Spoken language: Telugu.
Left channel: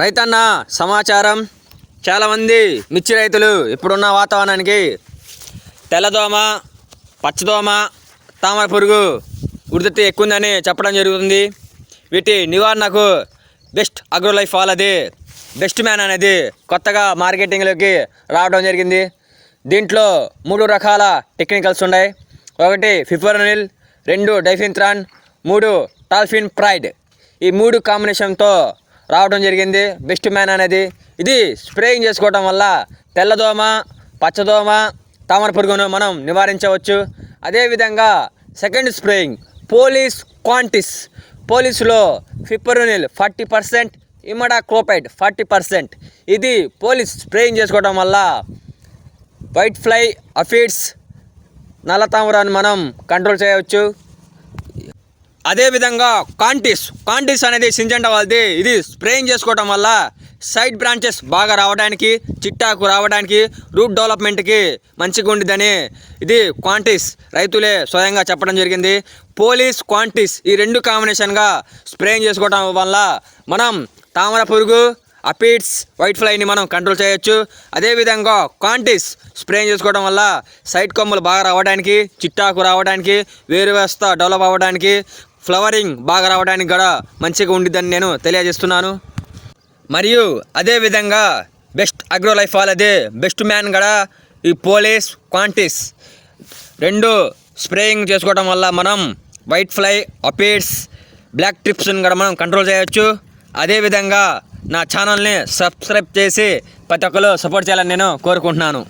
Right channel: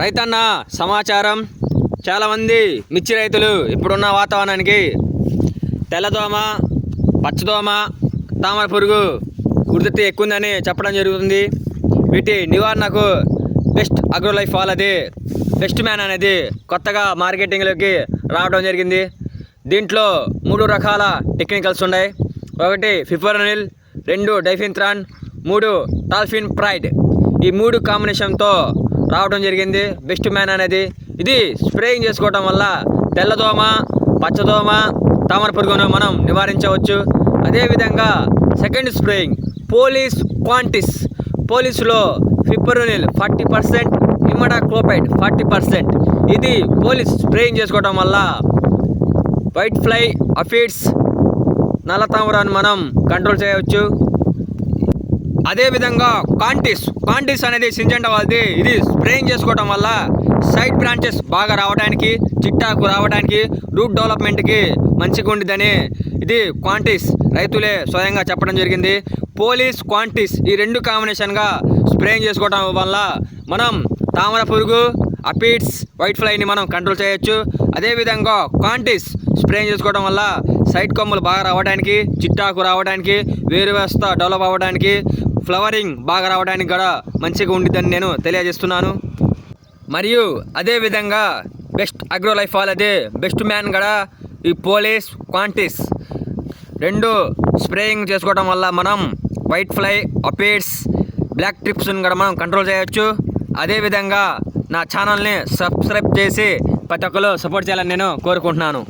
రైతన్న సమాచారం. చాలామంది మిర్చి రైతులు ఇప్పుడున్న వాతావరణానికి తెల్లదోమ, పచ్చదోమ, తామర పురుగు ఉధృతి ఎక్కువ ఉందని చెప్పడం జరుగుతుంది. వీటి నివారణకు బెస్ట్ అగ్రోలైఫ్ వాళ్ళది బెస్ట్ మ్యాన్ అనేది కొత్తగా మార్కెటింగ్లోకి రావడం జరిగింది. దీంట్లో 3 రకాల టెక్నికల్స్ ఉన్నాయి. 1 ఫిఫ్రోనిల్, 2 డైఫిన్థ్రాన్, 3 టాల్ఫిన్ ప్రైడ్. ఈ 3 కాంబినేషన్తో రావడం జరిగింది బెస్ట్ మ్యాన్ అనేది. ఇది స్ప్రేయింగ్ చేసుకోవడం వల్ల తెల్లదోమ, పచ్చదోమ, తామర పురుగును మనం నివారించవచ్చు. అదేవిధంగా సెకండ్ స్ప్రేయింగ్ పోలీస్ క్వాంటిస్. పోలీసులో ఫిప్రోనిల్ 40%, ఇమిడాక్లోప్రిడ్ 40%. ఇది పోలీస్ స్ప్రేయింగ్ చేసుకోవడం వల్ల వైట్ ఫ్లై, అఫిడ్స్, నల్ల తామరాన్ని మనం కంట్రోల్ చేయవచ్చు. అదేవిధంగా కాంటిస్ అనేది సింజెంటా వాళ్ళది. ఇది స్ప్రేయింగ్ చేసుకోవడం వల్ల సైడ్ బ్రాంచెస్ బాగా రావడానికి, చిట్టాకు రావడానికి, రూట్ డెవలప్మెంట్కి మంచిగా ఉండిద్దని ఇది క్వాంటిస్ రైతులే స్వయంగా చెప్పడం జరిగింది. పోలీస్, క్వాంటిస్ ఈ 2 కాంబినేషన్గా స్ప్రేయింగ్ చేసుకోవడం వల్ల మనం తామర పురుగు, అపిడ్స్, వైట్ ఫ్లైని మనం కంట్రోల్ చేయొచ్చు. అదేవిధంగా క్వాంటిస్ స్ప్రేయింగ్ చేసుకోవడం వల్ల సైడ్ కొమ్మలు బాగా రావడానికి, చిట్టాకు రావడానికి, వేరు వ్యవస్థ డెవలప్ అవ్వడానికి, ఫ్లవరింగ్ బాగా రావడానికి కూడా మంచిగా ఉండిద్దని నేను తెలియజేస్తున్నాను. మరియు అదేవిధంగా బెస్ట్ అగ్రోలైఫ్ వాళ్ళది బెస్ట్ మ్యాన్ కూడా ఈ పోలీస్, క్వాంటిస్ 2 స్ప్రేయింగ్ చేసుకోవడం వల్ల మనం వైట్ ఫ్లై, అపిడ్స్, బ్లాక్ ట్రిప్స్ని కూడా మనం కంట్రోల్ చేయొచ్చు. అదేవిధంగా నా ఛానల్ని సబ్స్క్రైబ్ చేసి ప్రతి ఒక్కరు సపోర్ట్ చేయాలని నేను కోరుకుంటున్నాను.